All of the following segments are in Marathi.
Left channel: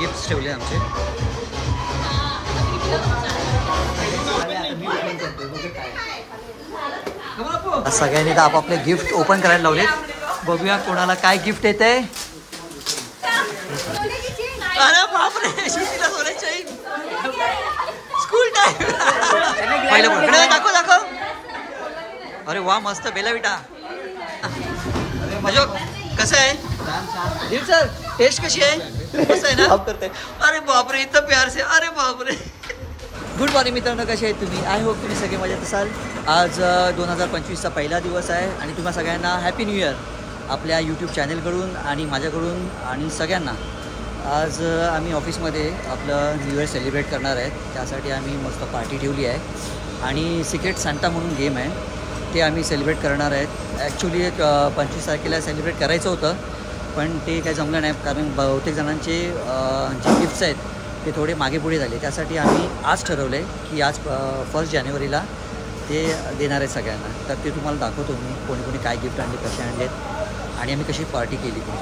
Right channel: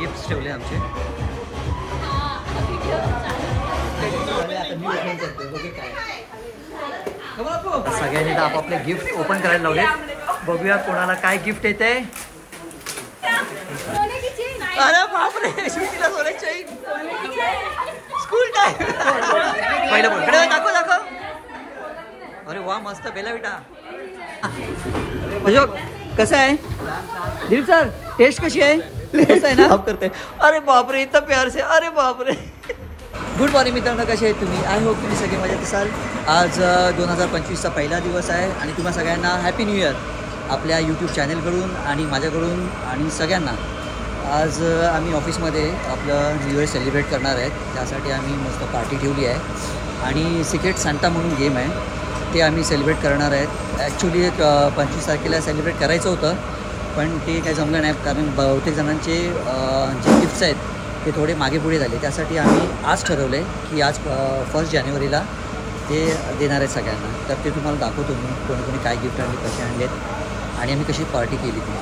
गिफ्ट्स ठेवले आमचे. सगळ्यांनी तर आपापले गिफ्ट ओपन करायला लावलेत. बघूया कोणाला काय गिफ्ट येते. अरे बापरे, श्रुतीला सोन्याची चैन. School time. पहिलं बोल दाखव दाखव. अरे वा मस्त बेला विटा. म्हणजे कसं आहे सर, टेस्ट कशी आहे? कसं आहे ना? अरे बापरे, इथं प्यार से. अरे बापरे. गुड मॉर्निंग मित्रांनो, कसे आहेत तुम्ही? आय होप तुम्ही सगळे मजेत असाल. आज 2025चा पहिला दिवस आहे आणि तुम्हा सगळ्यांना हॅपी न्यू इयर आपल्या यूट्यूब चॅनलकडून आणि माझ्याकडून आणि सगळ्यांना. आज आम्ही ऑफिसमध्ये आपलं न्यू इयर सेलिब्रेट करणार आहेत. त्यासाठी आम्ही मस्त पार्टी ठेवली आहे आणि सिक्रेट सांता म्हणून गेम आहे ते आम्ही सेलिब्रेट करणार आहेत. ॲक्च्युली 25 तारखेला सेलिब्रेट करायचं होतं पण ते काही जमलं नाही, कारण बहुतेक जणांचे जे गिफ्ट्स आहेत ते थोडे मागे पुढे झाले. त्यासाठी आम्ही आज ठरवलं आहे की आज 1 जानेवारीला ते देणार आहेत सगळ्यांना. तर ते तुम्हाला दाखवतो मी कोणी कोणी काय गिफ्ट आणले, कसे आणलेत आणि आम्ही कशी पार्टी केली ती.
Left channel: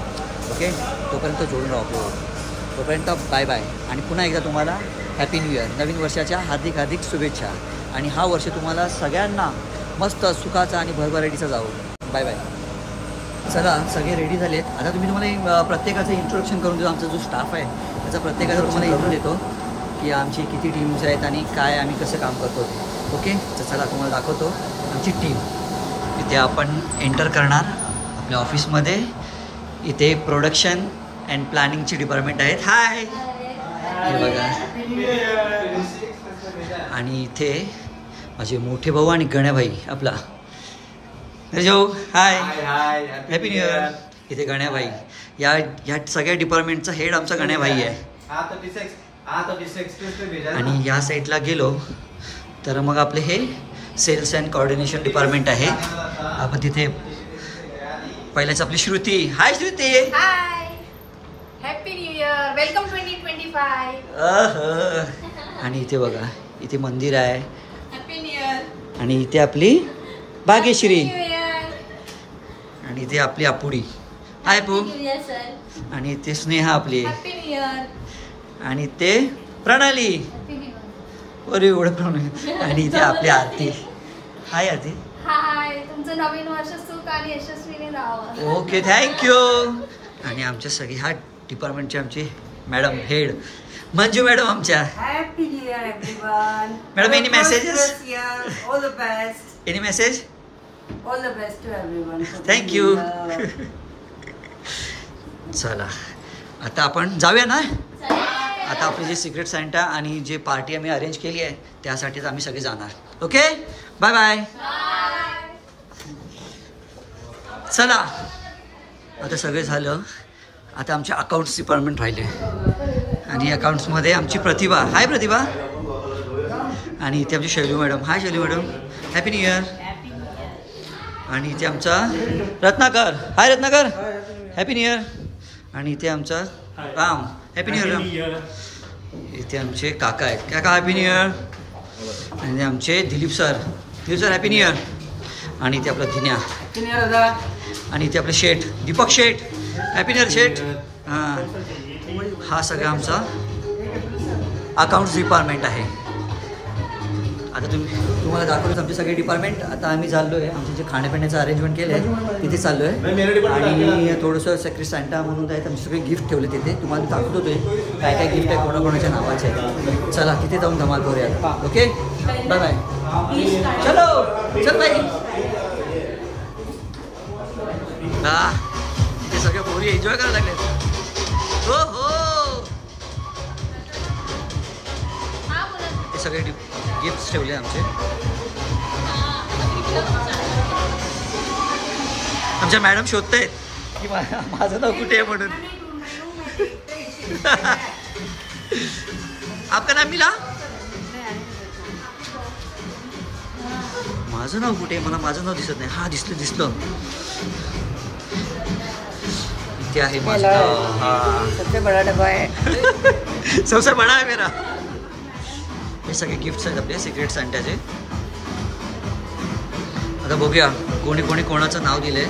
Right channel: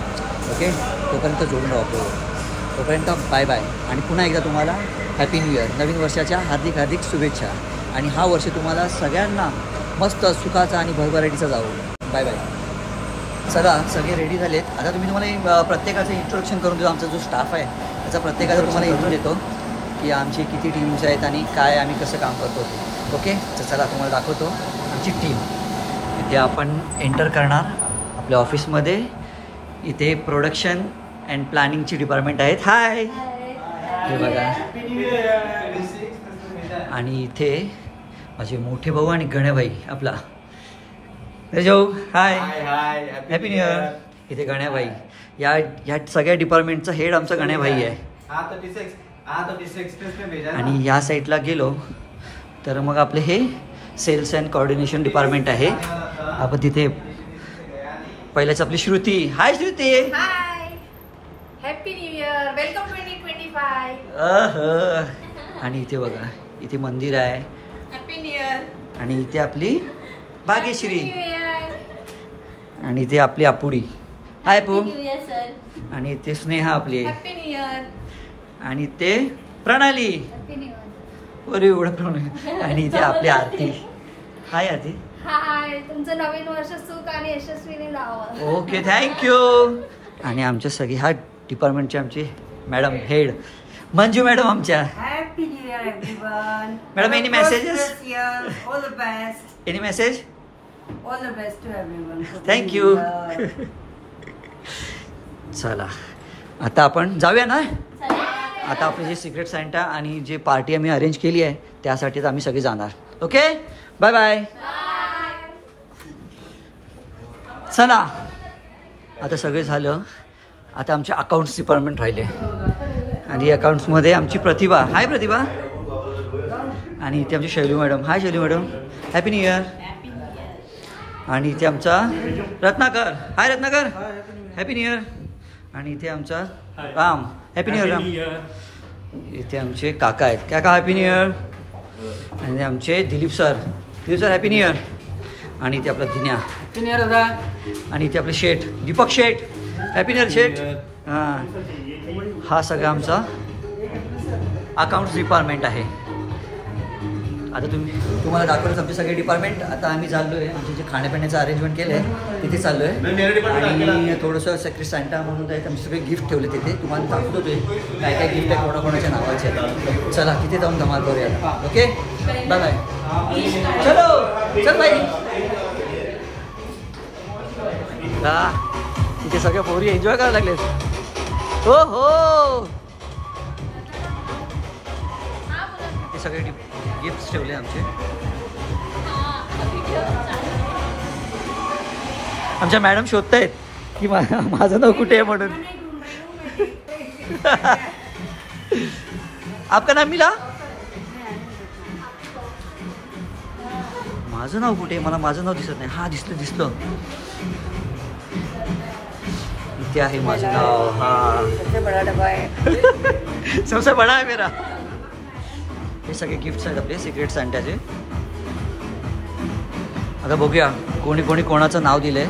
ओके, तोपर्यंत जोडून राहू आपल्यावर. तोपर्यंत बाय बाय आणि पुन्हा एकदा तुम्हाला हॅपी न्यू इयर, नवीन वर्षाच्या हार्दिक हार्दिक शुभेच्छा. आणि हा वर्ष तुम्हाला सगळ्यांना मस्त सुखाचा आणि भरभराटीचा जावो. Bye bye. चला सगळे रेडी झालेत. आता तुम्हाला प्रत्येकाचं इंट्रोडक्शन करून देतो. आमचा जो स्टाफ आहे त्याचा प्रत्येकाचा तुम्हाला इंट्रो देतो की आमची किती टीम्स आहेत आणि काय आम्ही कसं काम करतो ते. ओके, तर चला तुम्हाला दाखवतो आमची टीम. इथे आपण एंटर करणार आपल्या ऑफिसमध्ये. इथे प्रोडक्शन अँड प्लॅनिंगची डिपार्टमेंट आहेत. हाय, हे बघा. आणि इथे माझे मोठे भाऊ आणि गण्याभाई आपला जाऊ. हाय, हॅपी न्यू इयर. इथे गण्याभाई, या सगळ्या डिपार्टमेंटचा हेड आमचा गण्याभाई आहे. आणि या साईडला गेलो तर मग आपले हे सेल्स अँड कोऑर्डिनेशन डिपार्टमेंट आहे. आपण तिथे पहिल्याच आपली Shruti. Hi Shruti. Happy new year, welcome 2025. आणि इथे बघा, इथे मंदिर आहे. Happy new year. आणि इथे आपली भाग्यश्री. आणि इथे आपली आपुडी. हाय पू. आणि इथे स्नेहा आपली. Happy new year. आणि ते प्रणाली. अरे एवढं प्रणाली. आणि इथे आपली आरती. हाय आरती. हाय, तुमचं नवीन वर्ष सुख आणि यशस्वीने जावं. Okay, thank you. आणि आमच्या सगळे ह्या डिपार्टमेंटचे आमचे मॅडम हेड मंजू मॅडम आमच्या. Happy New Year, everyone. Madam, any messages? This year, all the best. Any message? All the best to everyone. Thank you. चला आता आपण जाऊया ना. आता आपले जे सिक्रेट सांता आणि जे पार्टी आम्ही अरेंज केली आहे त्यासाठीच आम्ही सगळे जाणार. Okay, bye bye. चला आता सगळे झालं. आता आमचे अकाउंट्स डिपार्टमेंट राहिले आणि अकाउंट्समध्ये आमची प्रतिभा. हाय प्रतिभा. आणि इथे आमची Shailu madam. Hi Shailu madam, happy new year. आणि इथे आमचा Ratnakar. Hi Ratnakar, happy new year. आणि इथे आमचा Ram. Happy new year Ram. इथे आमचे काका आहेत. काका हॅपी न्यू इयर. आणि आमचे Dilip sir. Dilip sir happy new year. आणि इथे आपला दिन्या. आणि इथे आपले शेठ दीपक शेठ. हॅपी न्यू इयर शेठ. हां, हा सगळा आमचा अकाउंट्स डिपार्टमेंट आहे. आता तुम्हाला दाखवलंच आमचे सगळे डिपार्टमेंट. आता आम्ही चाललो आहे, आमचे जे खाण्यापिण्याचं अरेंजमेंट केलं आहे तिथे चाललो आहे. आणि थोडंसं सेक्रेट सांता म्हणून आहे, आम्ही सगळे गिफ्ट ठेवले तिथे. तुम्हाला दाखवतो ते काय काय गिफ्ट आहे, कोणाकोणाच्या नावाचे आहे. चला तिथे जाऊन धमाल करूया आता. Okay, bye bye. चलो चल बाई. तिथे सगळ्या पोरी एन्जॉय करायला लागले. हो हो, ते सगळे गिफ्ट्स ठेवले आमचे. आमच्या मॅडम शोधतायत की माझं नाव कुठे आहे म्हणून. आपका नाम मिला. माझं नाव कुठे आहे? मला माझं नाव दिसत नाही. हा दिसलं. इथे आहे माझं नाव. हा सबसे बड़ा डब्बा है. सबसे बडा आहे मेरा. हे सगळे गिफ्ट्स आहेत आपले सिक्रेट सांताचे. आता बघूया कोणी कोणी कोणाचं नाव दिलंय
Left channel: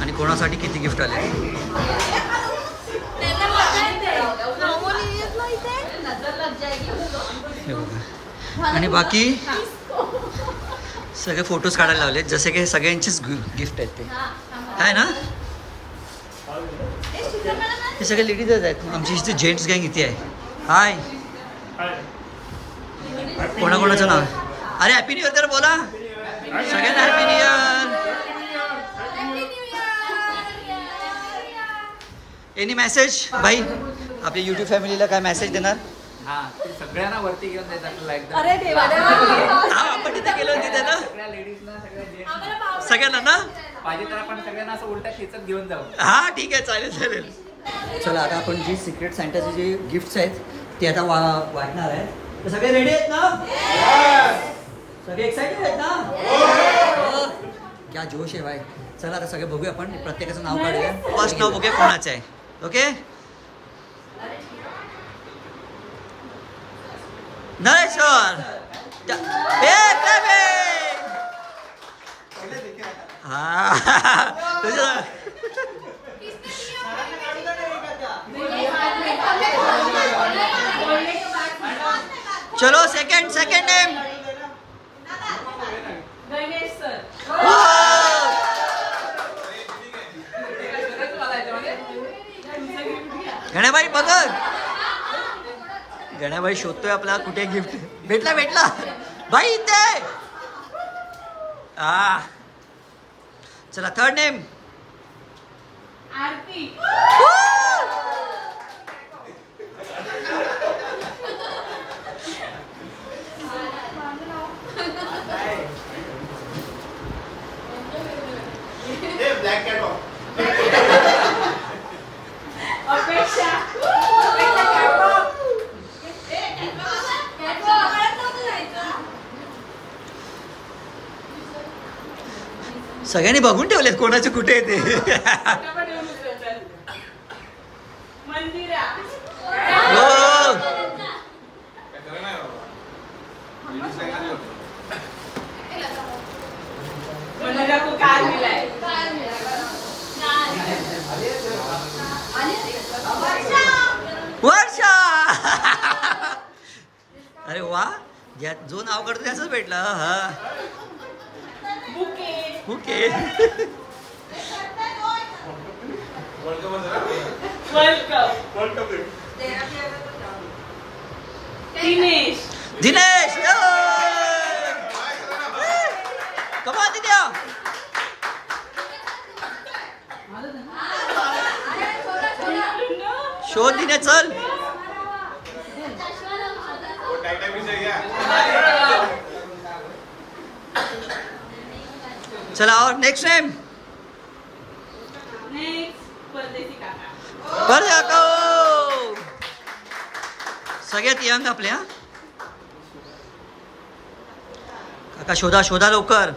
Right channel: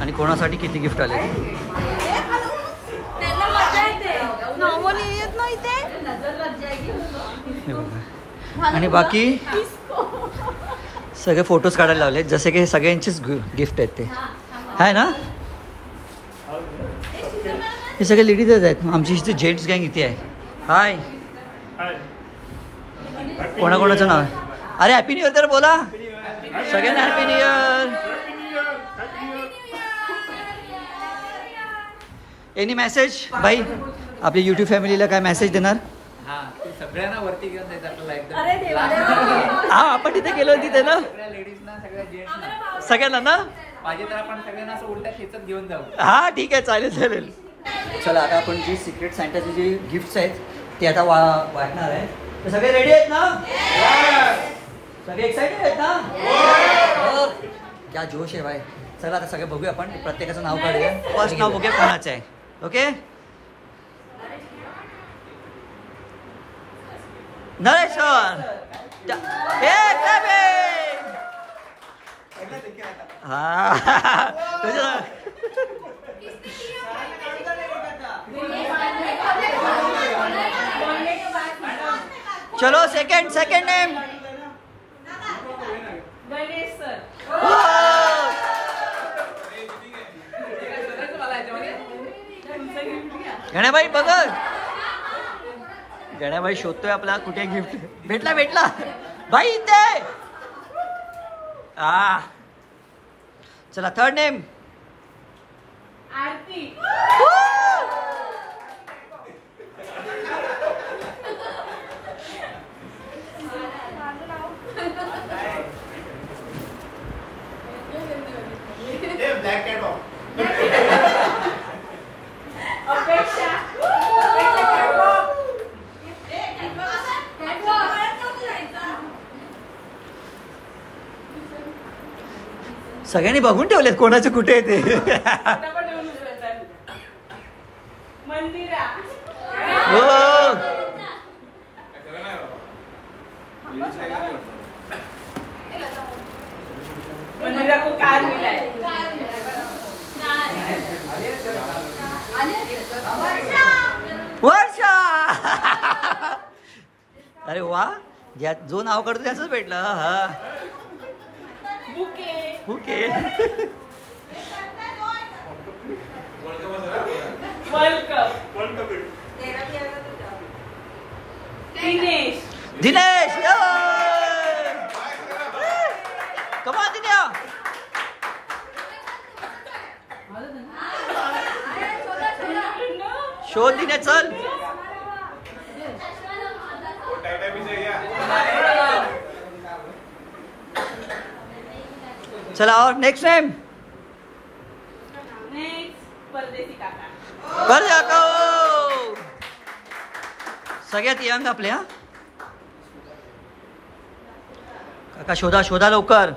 आणि कोणासाठी किती गिफ्ट आले. हे बघा. आणि बाकी सगळे फोटोज काढायला लावले, जसे की सगळ्यांचीच गिफ्ट आहेत ते आहे ना. हे सगळे लेडीजच आहेत. आमची इथे जेंट्स गँग इथे आहे. हाय, कोणाकोणाचं नाव आहे? अरे हॅपी न्यू इयर तर बोला सगळ्यांना. Happy new year. Any message भाई आपल्या यूट्यूब फॅमिलीला काय मेसेज देणार? हा, ते सगळ्यांना वरती घेऊन देतात लाईक. हा, आपण तिथे गेलो तिथे ना, सगळ्या लेडीजना, सगळ्या जेंट्सना सगळ्यांना ना. पाहिजे तर आपण सगळ्यांना असं उलटा खेचत घेऊन जाऊ. हा ठीक आहे, चालेल चालेल. चला आता आपण जी सिक्रेट सांताचे जे गिफ्ट्स आहेत ते आता वाटणार आहे. तर सगळे रेडी आहेत ना? सगळे एक्साइटेड आहेत ना? हो. क्या जोश आहे भाई. चला आता सगळे बघूया, आपण प्रत्येकाचं नाव काढूया. फर्स्ट नाव बघूया कोणाचं आहे. Okay, Naresh sir. हा चलो सेकंड नेम. गणेश सर. गण्याबाई बघ, गण्याबाई शोधतोय आपला कुठे गिफ्ट. भेटला भाई इथे. चला थर्ड नेम. आरती. अपेक्षा. सगळ्यांनी बघून ठेवलेत कोणाचे कुठे आहे ते. मंदिरा. हो, मंदिरा को कार मिला है. वर्षा. अरे वा, जो नाव काढतो त्याच भेटलं. हा, बुके. ओके. दिनेश. कमा दिन्या. शोध दिने चल. चला और नेक्स्ट नेम. परदेशी काका. बर काका सगळ्यात यंग आपल्या. काका शोधा लवकर.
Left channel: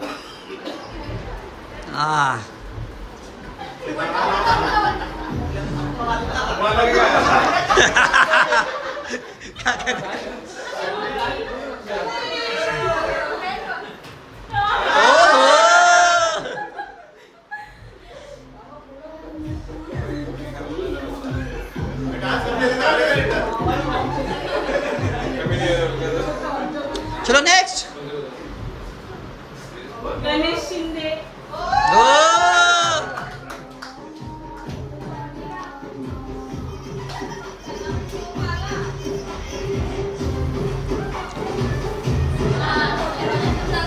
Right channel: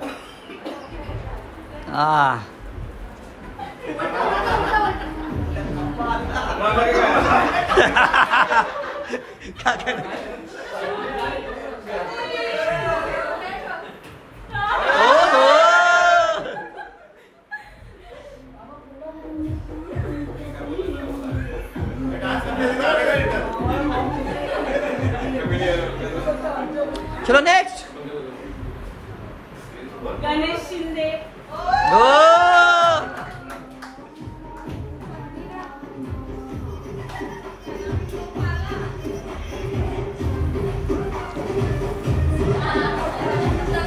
चलो नेक्स्ट. गणेश शिंदे.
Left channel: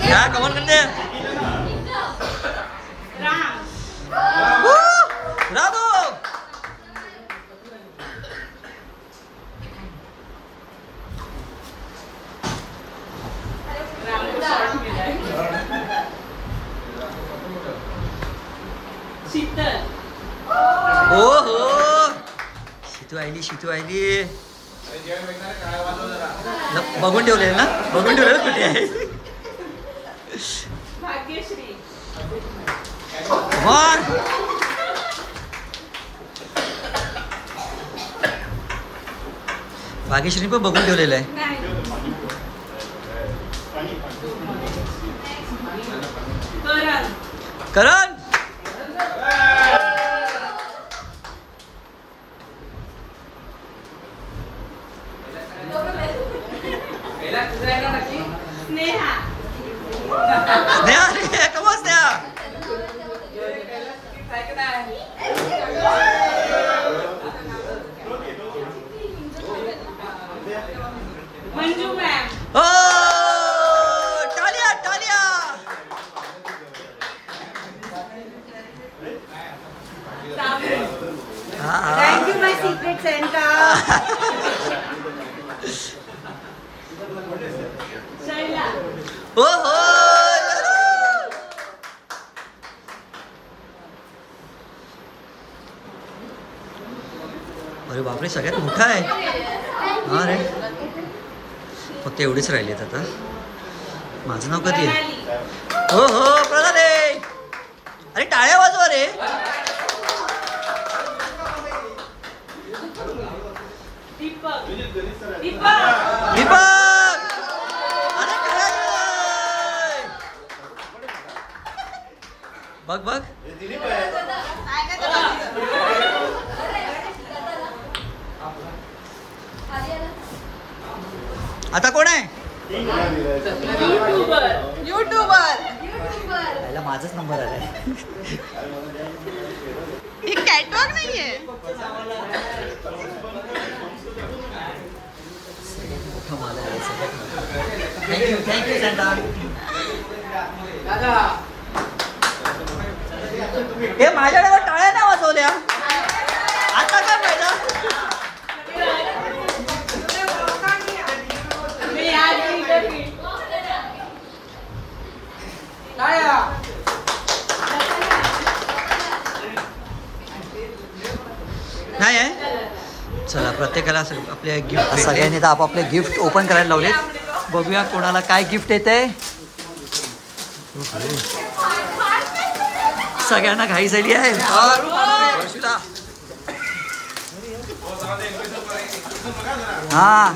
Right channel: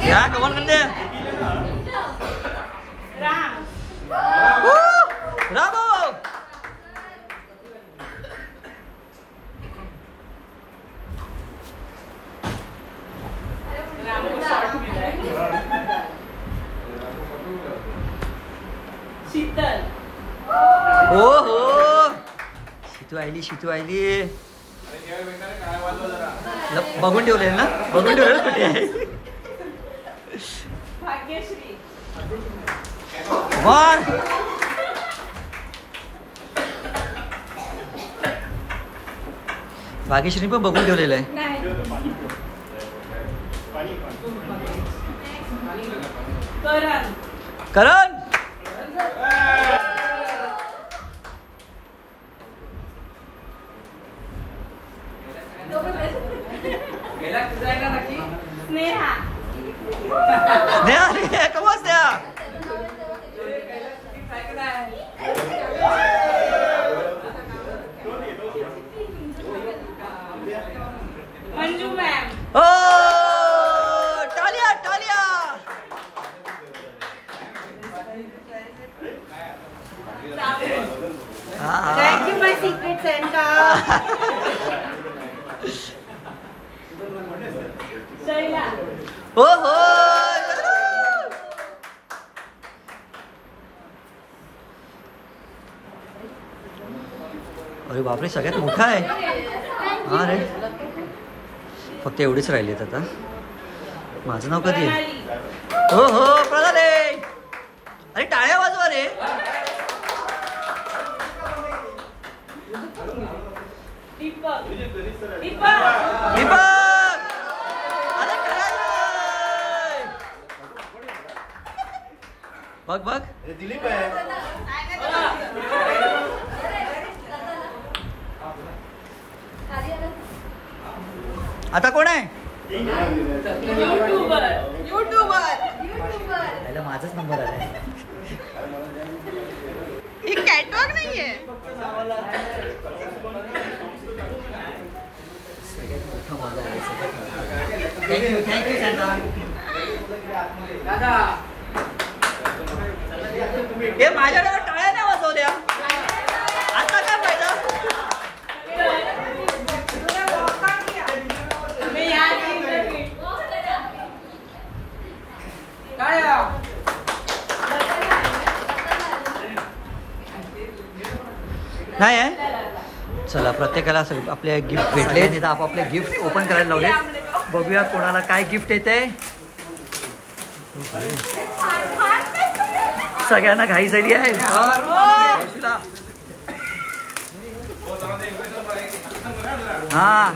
क्या कमाल कर दे. राम. राघव. शीतल. हो शितू आयली. बघून ठेवले ना, बघून ठेवले कुठे आहे. भाग्यश्री. वन. भाग्यश्री पण बघून ठेवलेलं आहे. करण. पहिला तुझं आहे ना नक्की? स्नेहा. स्नेहा रे कमा स्नेहा. मंजू मॅम. हो टालिया टालिया. थँक्यू माय सिक्रेट सेंटा. शैला. हो हो. अरे बापरे सगळ्यात मोठा आहे हा रे. फक्त एवढेच राहिलेत आता. माझं नाव कधी आहे. हो हो प्रणाले. अरे टाळ्या वाजवा रे. दीपक. दीपक. दीपक. अरे काय बघ बघ. आता कोण आहे. युट्यूबर. पहिला माझाच नंबर आलाय. ही कॅटवॉक नाहीये. थँक्यू थँक्यू सांगा. हे माझ्याकडे टाळ्या ना वाजवल्या. आता काय फायदा. मी आज इथे नाही आहे. चला प्रत्येकाला आपले गिफ्ट सगळ्यांनी तर आपापले गिफ्ट ओपन करायला लावलेत. बघूया कोणाला काय गिफ्ट येते. सगळ्यांना घाई झाली आहे. हा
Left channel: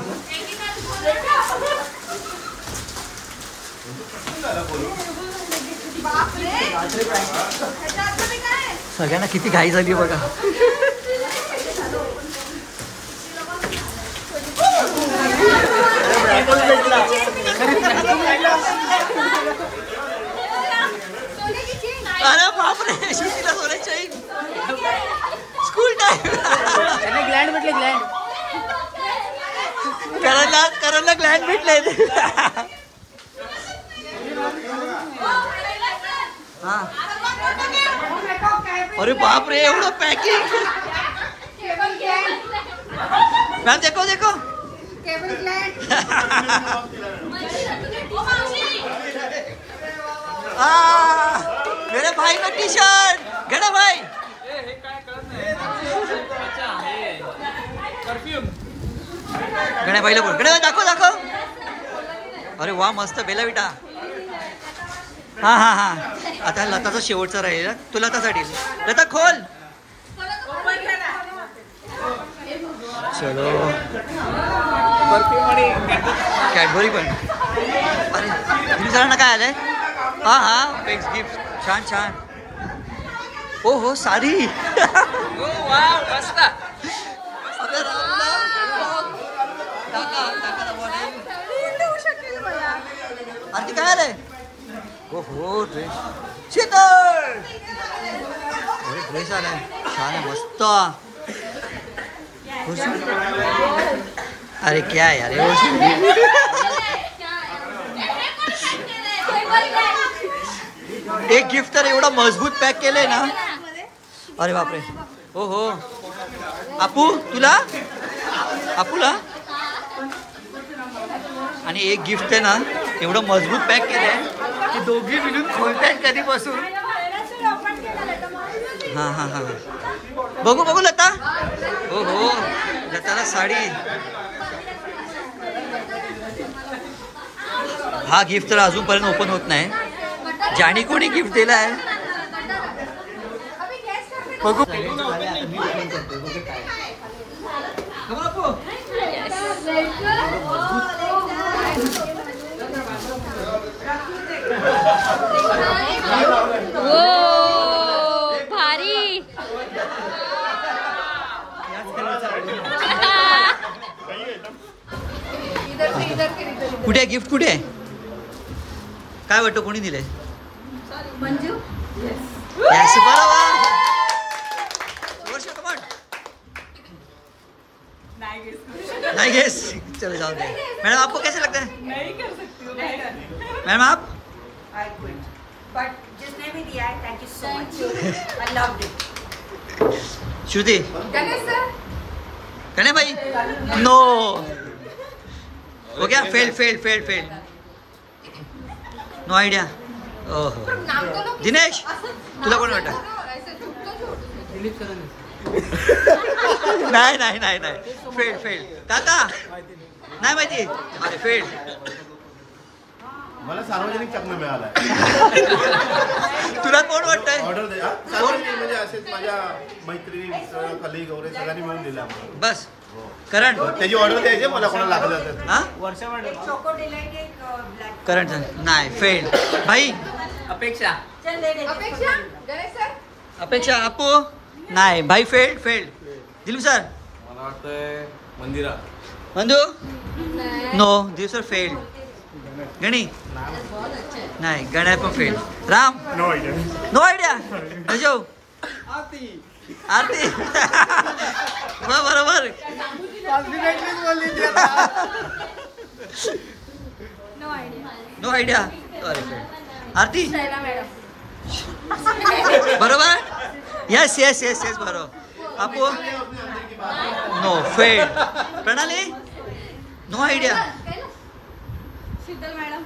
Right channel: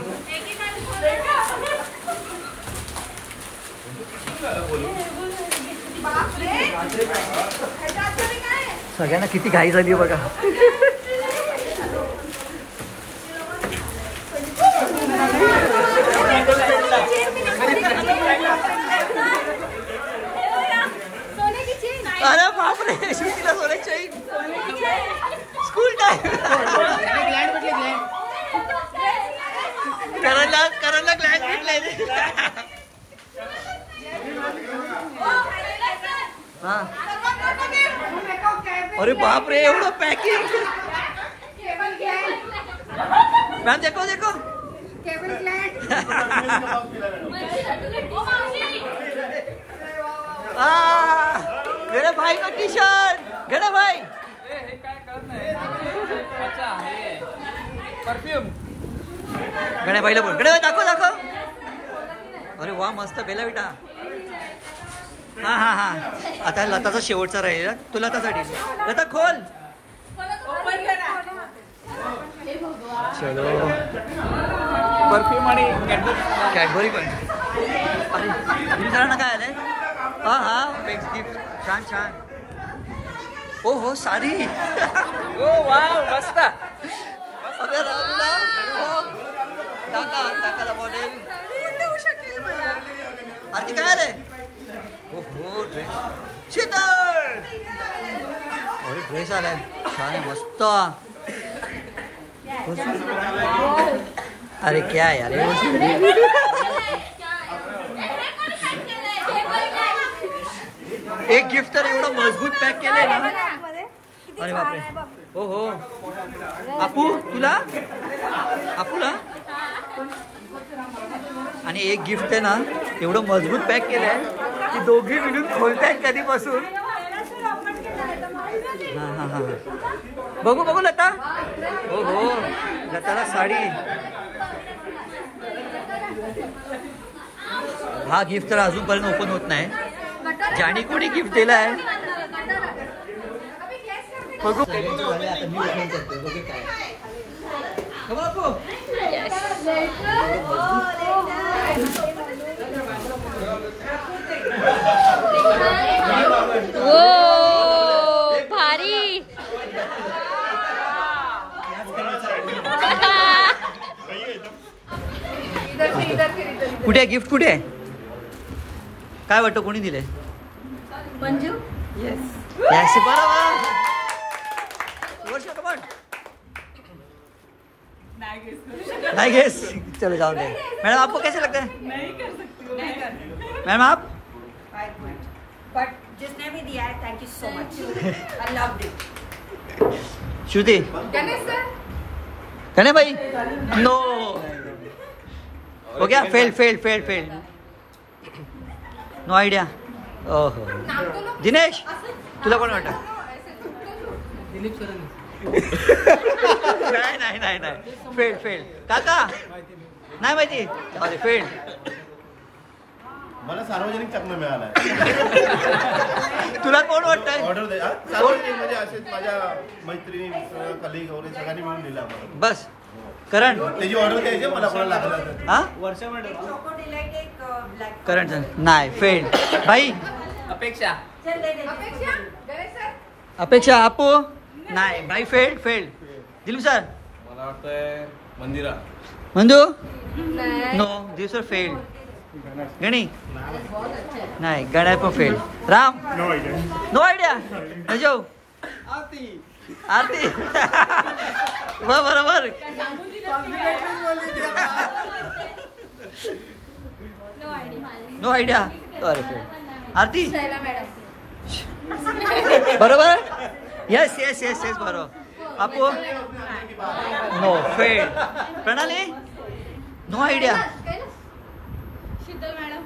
सगळ्यांना किती घाई झाली बघा. अरे बापरे श्रुतीला सोन्याची चैन. School time. करणला ग्लँड भेटले. हा अरे बापरे एवढं पॅकिंग. मॅम देखो देखो. मेरे भाई का टी शर्ट. गड़ा भाई परफ्यूम. गण्या भाईला बोल. गण्या दाखव दाखव. अरे वा मस्त बेला विटा. हा हा हा आता लताचा शेवटचा राहील. तू लतासाठी. लता खोल. चलो परफ्यूम आणि कॅडबरी पण. अरे तुम्ही सरांना काय आलंय. हा हा बेक्स गिफ्ट. छान छान. ओ हो साडी. मस्त. अरे राहुलला काका काकाला मॉडेल. आणखी काय आलंय. हो हो शीतल. अरे ड्रेस आलाय छान आहे मस्त. अरे क्या यार एक गिफ्ट तर एवढा मजबूत पॅक केलंय ना. अरे बापरे. हो हो आपू तुला. आपूला. आणि एक गिफ्ट आहे ना एवढं मजबूत पॅक केलंय की दोघी मिळून खोलतायत कधीपासून. हा हा हा बघू बघू लता. हो हो लताला साडी. हा गिफ्ट तर अजूनपर्यंत ओपन होत नाही. ज्याने कोणी गिफ्ट दिला आहे बघू. भारी. कुठे आहे गिफ्ट? कुठे आहे? काय वाटतं कोणी दिले? मंजू यस बरोबर. वर्ष कमान नहीं गेस. चलो जाओ दे. मैडम आपको कैसे लगता है? मैडम आप? बट जिसने भी दिया है thank you so much. I love it. Shruti Ganesh sir है भाई? नो हो गया. फेल. No idea. ओहो. दिनेश तुला कोण वाटतं? नाही फेल. काका नाही माहिती. अरे फेल. मला सार्वजनिक चकना मिळाला. तुला कोण वाटतंय? ऑर्डर दे. सार्वजनिक म्हणजे असेच माझ्या मैत्रिणी कलिग वगैरे सगळ्यांनी मिळून दिला आम्हाला. बस करण त्याची ऑर्डर द्यायची मला कोणाला लागलं. हा चोको डिलाइट एक ब्लॅक. करण नाही फेल. भाई अपेक्षा अपेक्षा आपू नाही. भाई फेल. दिलीप सर मला वाटतंय मंदिरा. मंदू नो. Dilip sir fail. गणी नाही. गणा पण फेल. Ram no idea. अजो आरती बरोबर. No idea. अरे फेल. आरती शैला मॅडम बरोबर. यस बरोबर. आपू no fail. Pranali no idea. Sheetal madam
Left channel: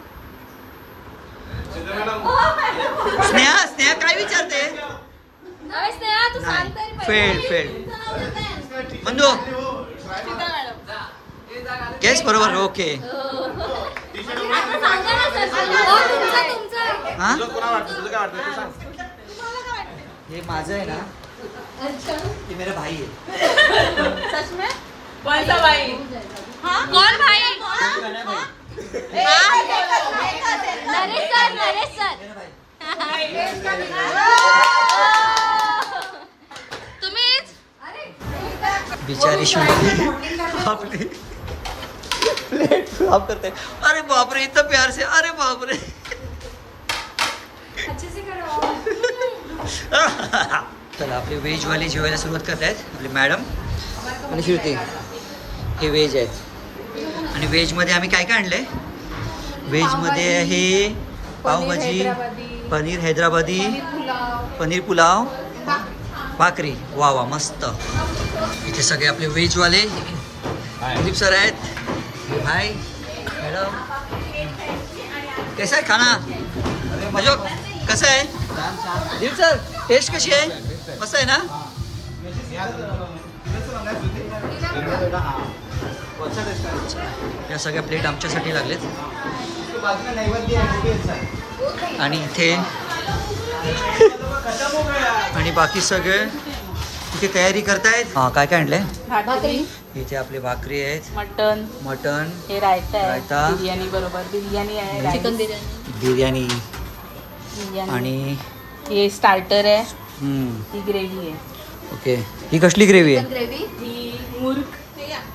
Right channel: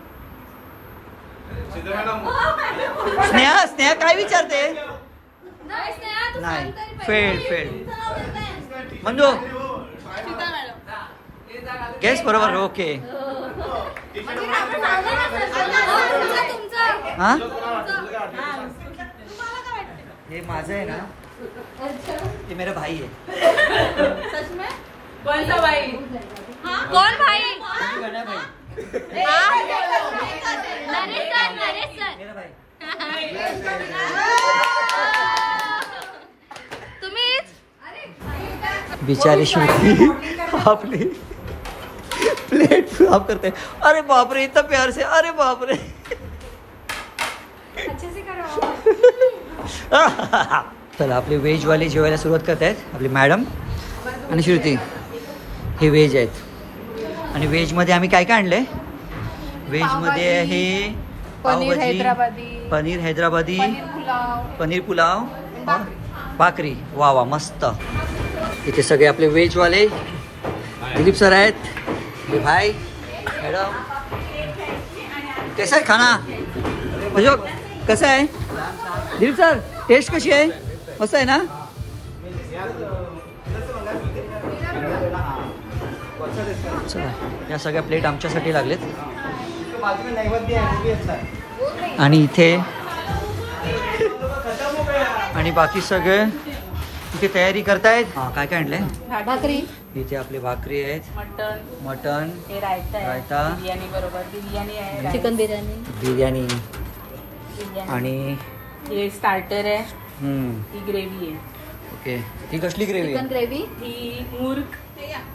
Sneha काय विचारते? नाही स्नेहा तू नाही सांगते फेल. मंजू गेस बरोबर. ओके. हा ये माझं आहे ना. ये मेरा भाई है. सच में कौन सा भाई? कौन भाई? गणा भाई. नरेश सर मेरा भाई. तुम्हीच बिचारी शिवती आपली प्लेट साफ करते. अरे बाप रे इतना प्यार से. अरे बाप रे. चला आपले व्हेजवाले जेवायला सुरुवात करतायत. आपली मॅडम आणि श्रुती हे व्हेज आहेत. आणि व्हेजमध्ये आम्ही काय काय आणलंय? व्हेजमध्ये आहे पावभाजी, पनीर हैदराबादी, पनीर पुलाव, भाकरी. वा मस्त. इथे सगळे आपले व्हेजवाले. दिलीप सर आहेत. भाई मॅडम कैसा आहे खाना? म्हणजे कसं आहे दिलीप सर? टेस्ट कशी आहे? मस्त आहे ना? या सगळ्या प्लेट आमच्यासाठी लागलेत. आणि इथे आणि बाकी सगळे इथे तयारी करतायत. हा काय काय आणलंय? भाकरी, इथे आपले भाकरी आहेत, मटन, हे रायता आहे, रायता, बिर्याणी बरोबर बिर्याणी आहे, चिकन बिर्याणी आणि हे स्टार्टर आहे, हम्म ही ग्रेव्ही आहे, ओके. ही कसली ग्रेव्ही आहे? ग्रेव्ही ही मुर्ग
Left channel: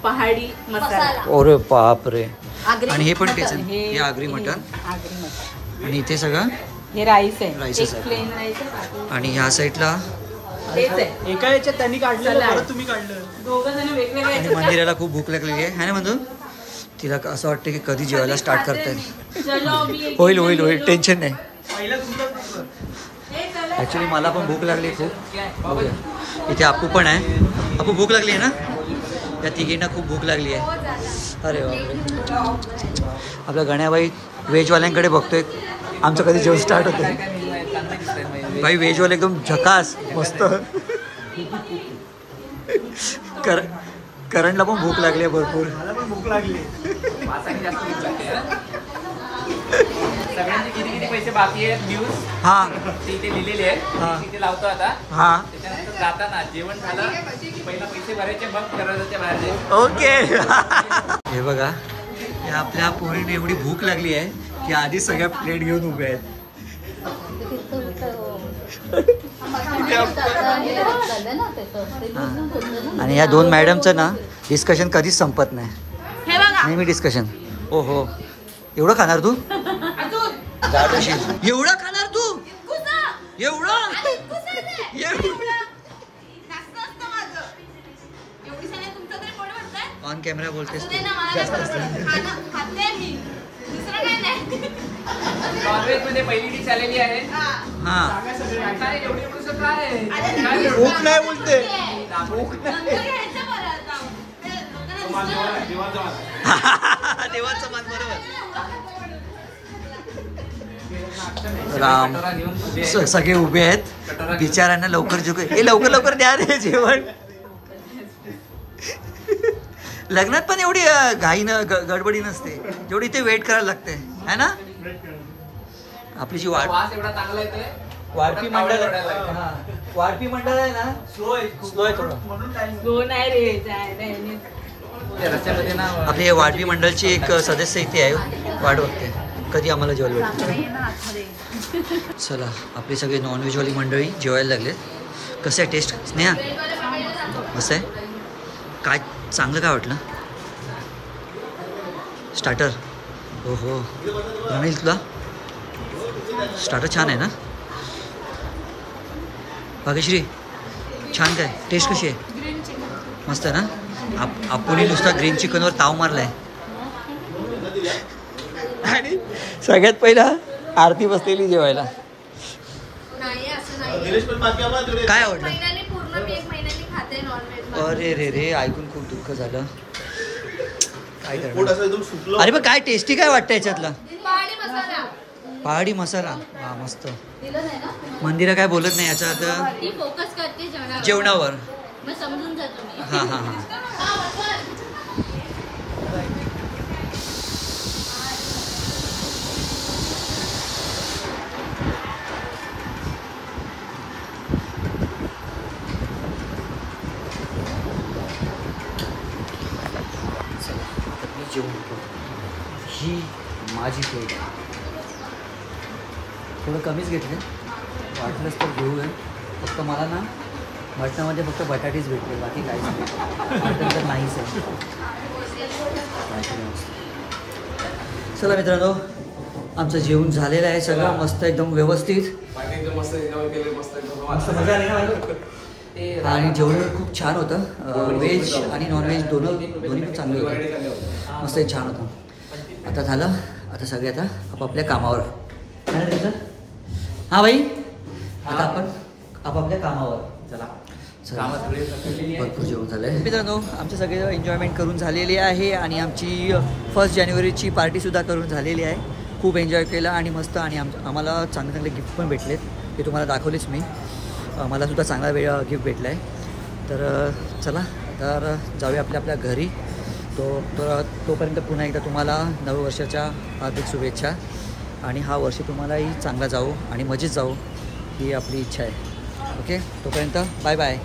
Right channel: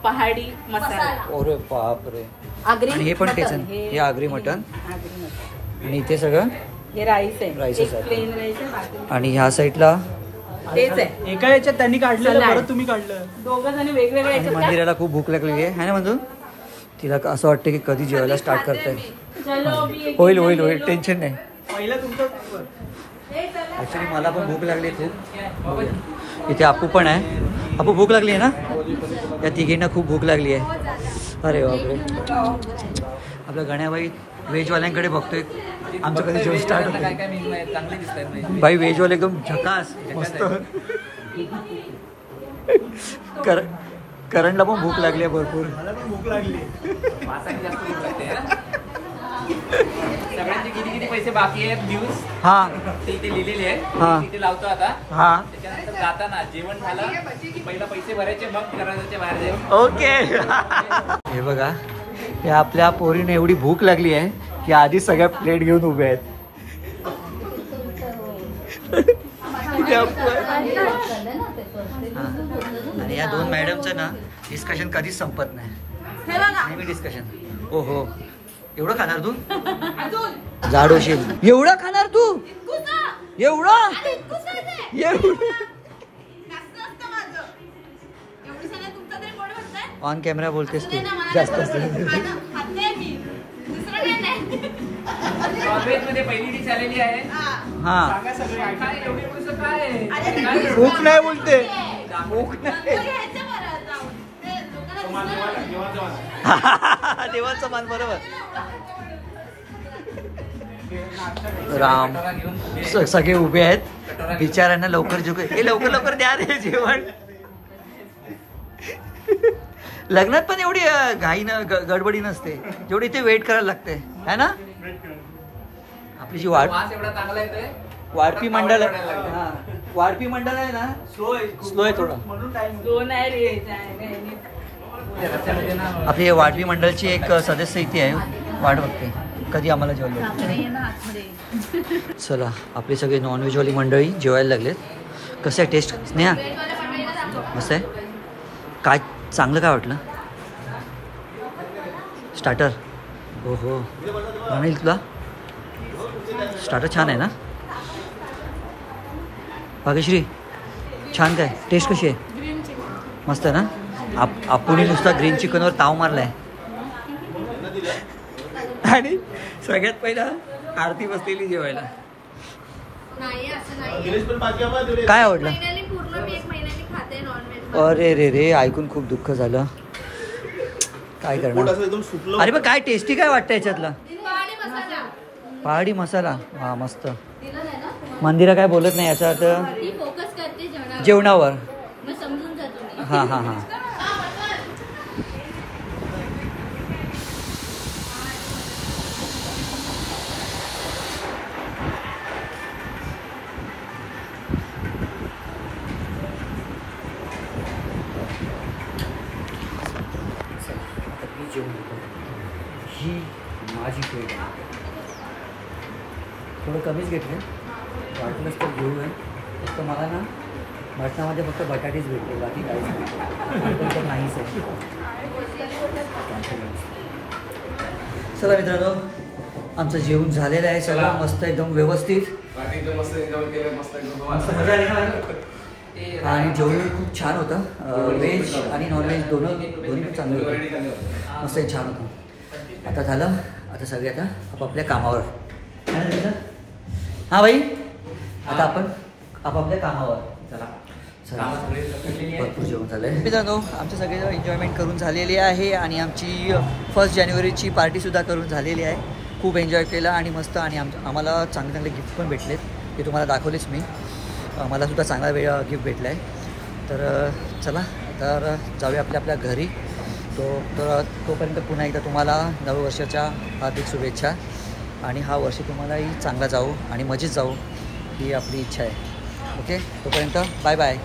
पहाडी मसाला, अरे बाप रे. आणि हे पण तेच आहे. हे आगरी मटन. आगरी मटण. आणि इथे सगळं हे राईस आहे, राईसच एक आहे. प्लेन राईस आहे, बाकी आणि ह्या साईडला तेच आहे. एका याच्यात त्यांनी काढलं, तुम्ही काढलं. दोघं जण वेगवेगळे आणि याच्यात मंदिराला खूप भूक लागलेली आहे ना मंजू? तिला असं वाटतं की कधी जेवायला स्टार्ट करतायत. चलो, मी- होईल टेन्शन नाही. पहिलं तुमचं ॲक्च्युली मला पण भूक लागली खूप. बघूया इथे आपू पण आहे. आपू भूक लागली आहे ना? या तिघींना खूप भूक लागली आहे. अरे बापरे. आपल्या गण्याबाई व्हेजवाल्यांकडे बघतोय आमचं कधी जेवण स्टार्ट होतं. काय मेनू आहे चांगले दिसत आहेत. भाई व्हेजवाले एकदम झकास मस्त. करणला पण भूक लागली आहे भरपूर. मला पण भूक लागली. वासाने जास्त भूक लागते हा? सगळ्यांचे किती पैसे बाकी आहेत न्यूज हां तिथे लिहिलेले हा. आहेत. तिथे लावतो आता. हां त्याच्यानंतर जाताना जेवण झालं की पहिला पैसे भरायचे, मग करायचे बाहेर जायचे. ओके. हे बघा या आपल्या पोरीने एवढी भूक लागली आहे की आधी सगळ्या प्लेट घेऊन उभे आहेत. हां. आणि या दोन मॅडमचं ना डिस्कशन कधीच संपत नाही. हे बघा नेहमी डिस्कशन. ओ हो, एवढं खाणार तू? लाडोशील. एवढं खाणार तू? एवढं? ऑन कॅमेरा बोलतेस तू जास्त नॉनव्हेज मध्ये पहिली डिश आलेली आहे. हा. काय एवढी एवढंसं काय आहे? खूप नाही बोलते. देवाचं मान. बरोबर. राम सगळे उभे आहेत बिचाऱ्यांना लवकर झुके. हे लवकर लवकर द्या रे जेवण. लग्नात पण एवढी घाई गडबडी नसते जेवढी इथे वेट करायला लागते है ना. आपली जी वास एवढा चांगला येते. वाढपी मंडळ वाढपी मंडळ आहे ना, स्लो आहे थोडं म्हणून टाइम. रस्त्यामध्ये ना आपली वाढपी मंडळची एक सदस्य इथे आहे, वाट बघते कधी आम्हाला जेवायला भेटते. चला आपली सगळी नॉनव्हेजवाली मंडळी जेवायला लागलेत. कसं आहे टेस्ट स्नेहा? मस्त आहे. काय चांगलं काय वाटलं? स्टार्टर. हो हो रणील तुला स्टार्टर छान आहे ना? भाग्यश्री छान. काय टेस्ट कशी आहे? मस्त आहे ना. आपण नुसता ग्रीन चिकनवर ताव मारलाय. आणि सगळ्यात पहिला आरती बसलेली जेवायला. काय आवडलं? अरे रे रे, ऐकून खूप दुःख झालं. काय करणार? अरे पण काय टेस्टी काय वाटतं याच्यातलं? पहाडी मसाला. हा मस्त. मंदिरा काय बोलत नाही याचा अर्थ जेवणावर. हां हां हां. ही माझी प्लेट आहे. थोडं कमीच घेतले, वाटलंच तर घेऊया. फक्त मला ना मटणामध्ये फक्त बटाटेच भेटले, बाकी काहीच नाही. मटण तर नाहीच आहे. चला मित्रांनो, आमचं जेवण झालेलं आहे. सगळं मस्त एकदम व्यवस्थित. मस्त मजा आली ना. आणि जेवण खूप छान होतं. व्हेज आणि नॉनव्हेज दोन्ही पण चांगले होते. मस्त छान होतं. आता झालं. आता सगळे आता आपापल्या कामावर. हां भाई, आता आपण आपापल्या कामावर. चला चला. भरपूर जेवण झालं आहे मित्रांनो. आमचे सगळे एन्जॉयमेंट करून झालेली आहे आणि आमची 1 जानेवारीची पार्टीसुद्धा करून झालेली आहे. खूप एन्जॉय केलं आणि मस्त. आणि आम्हाला चांगले चांगले गिफ्ट पण भेटलेत, ते तुम्हाला दाखवलेच मी. मलासुद्धा चांगला गिफ्ट भेटला आहे. तर चला तर जाऊया आपल्या घरी. तोपर्यंत पुन्हा एकदा तुम्हाला नववर्षाच्या हार्दिक शुभेच्छा. आणि हा वर्ष तुम्हालाही चांगला जाऊ आणि मजेत जाऊ ही आपली इच्छा आहे. ओके, तोपर्यंत बाय बाय.